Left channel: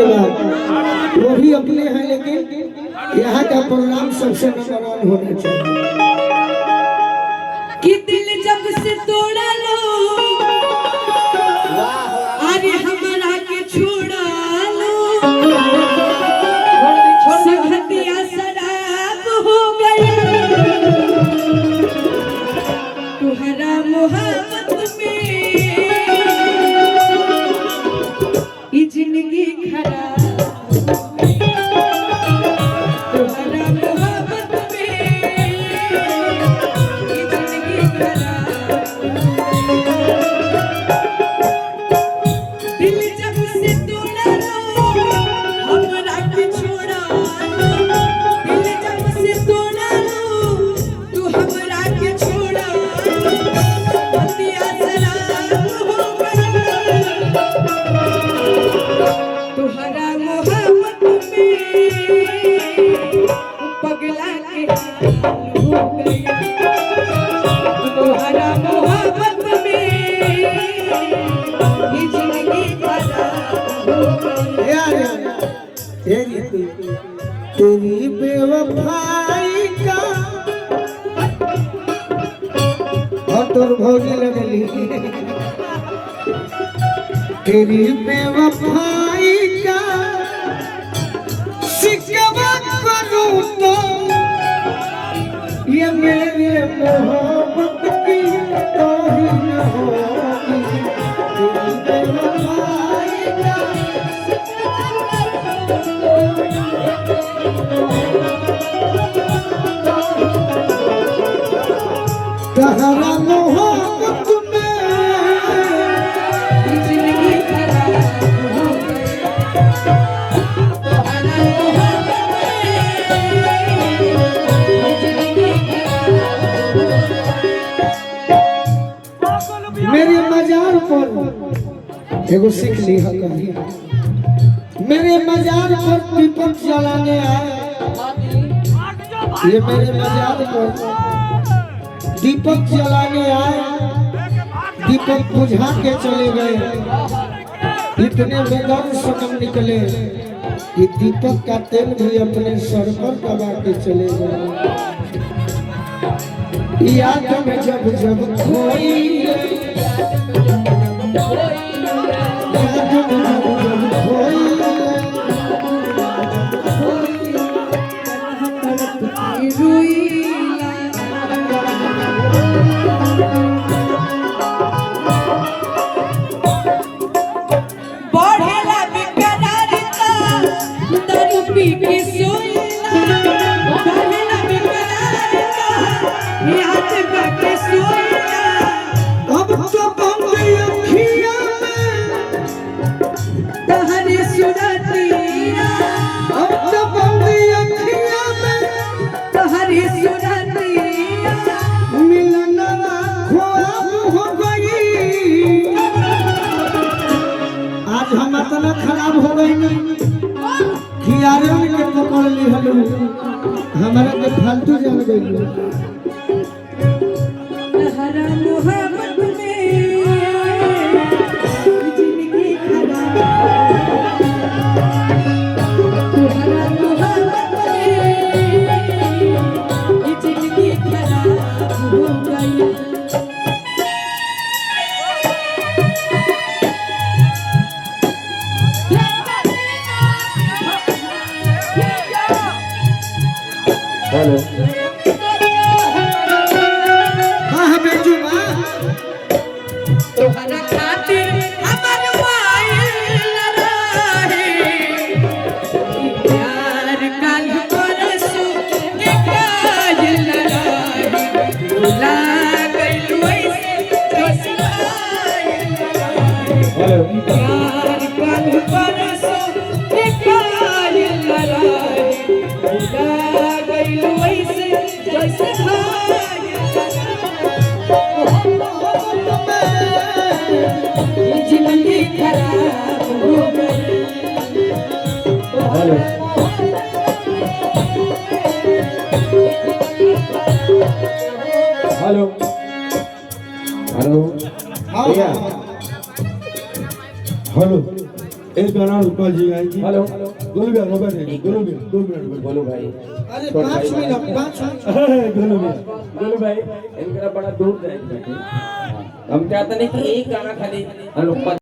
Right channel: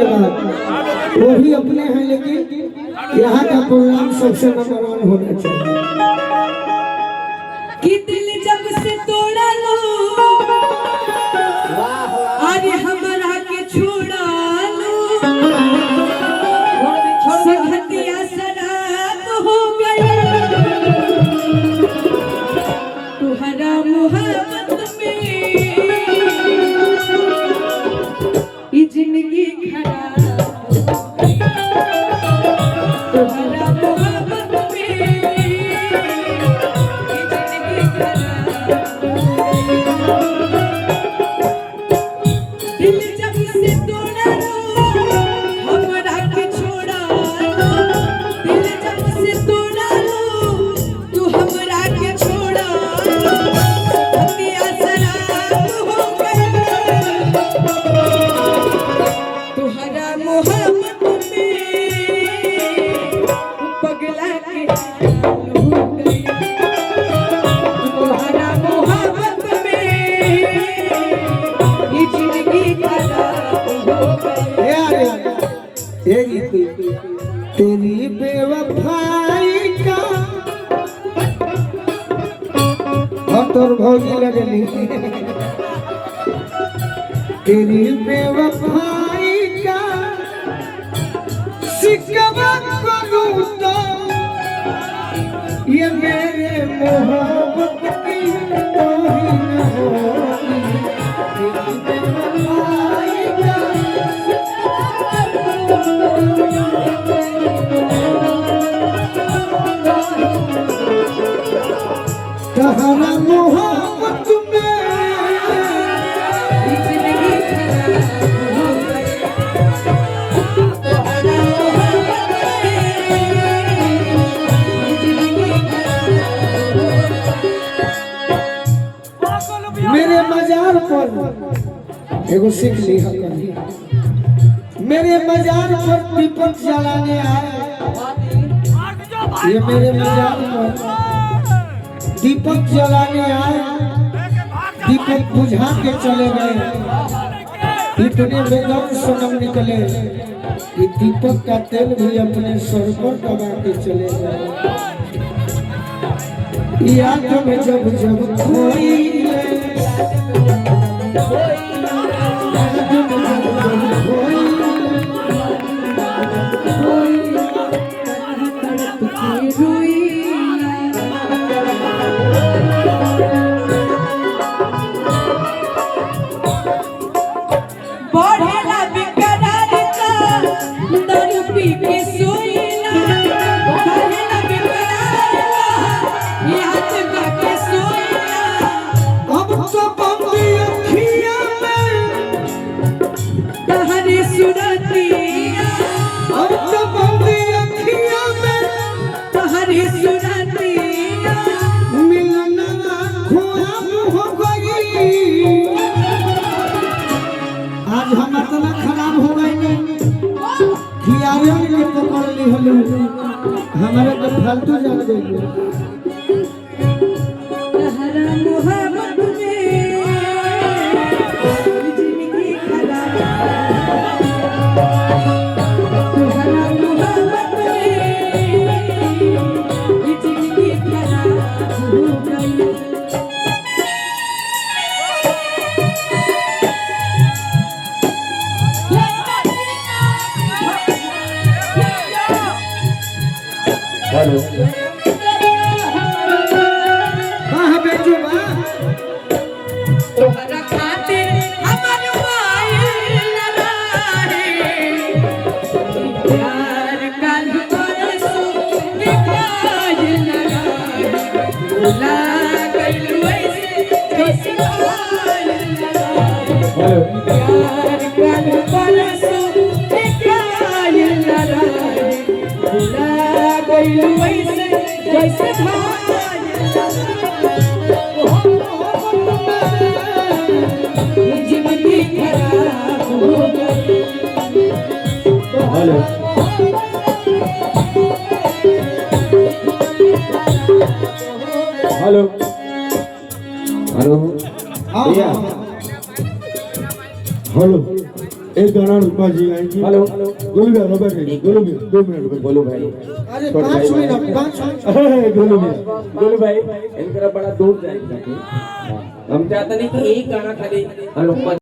धन्यवाद। वो भी अपने हैं लेकिन यहाँ का प्रोग्राम सबसे नंबर 1 होना चाहिए। कि दिल जब से तोड़ा लो अरे हमारा के छोड़ा लो संगतिया शराब हो गई तुहरा मोहब्बत में ये जिंदगी खराब हो गई तुहरा मोहब्बत में ये जिंदगी खराब दिल जब से तोड़ा लो हमरा के छोड़ा लो दिल जब से तोड़ा लो तू हमरा के छोड़ा लो संगतिया शराब हो गई तुहरा मोहब्बत में पगला के हो गई तुहरा मोहब्बत में ये जिंदगी खराब हो गई। तेरी बेवफाई का हम तोर भोगी लगली तेरी बेवफाई का शिकवा करूं तो ये मेरे मोहब्बत की तौहीन होगी तेरी बेवफाई का तहरा मोहब्बत में ये जिंदगी खराब हो गई तुहरा मोहब्बत में ये जिंदगी खराब हो गई। मेरे मजार पर एगो सीख ली कहीं मेरे मजार पर दीपक जलाने आए ये मेरे मजार पर दीपक जलाने आए दीपक बुझा के चले गए इतने बेदर्द सनम निकले कि दीपक का तेल भी अपने सर पर दबा के चले गए याद में जब जब खोई बढ़ेला बेकरारता दारू पी के सोइला बढ़ेला बेकरारता याद करके सोइला अब तो बंद अखियां में तहरे सुरतिया अब तो बंद अखियां में तहरे सुरतिया मिलनवा ख्वाब हो गई आज हम इतना खराब हो गई कि आर्यन के पकड़ ली हलो हमारे के फालतू जान गई तहरा मोहब्बत में ये जिंदगी खराब तुहरा मोहब्बत में ये जिंदगी खराब हो गई। हेलो हां बेजू बा तोहरा खातिर हमर वाइल रहे प्यार काल परसो निकाल रहे भुला गइल वैसे कैसे आइल रहे प्यार काल परसो निकाल रहे भुला गइल वैसे जैसे भाई ये जिंदगी खराब हो गई। हेलो हेलो हेलो भैया हेलो एक गाना बाजी आएगी। हेलो गोलू भैया रोबे नहीं, गोलू भैया 2 मिनट में। गोलू भाई, अरे 5 मिनट 5 मिनट गोलू भैया गोलू भाई इनका बड़ा दूर जाएंगे। हम चाहते नहीं कि एक गाना खाली हम लोग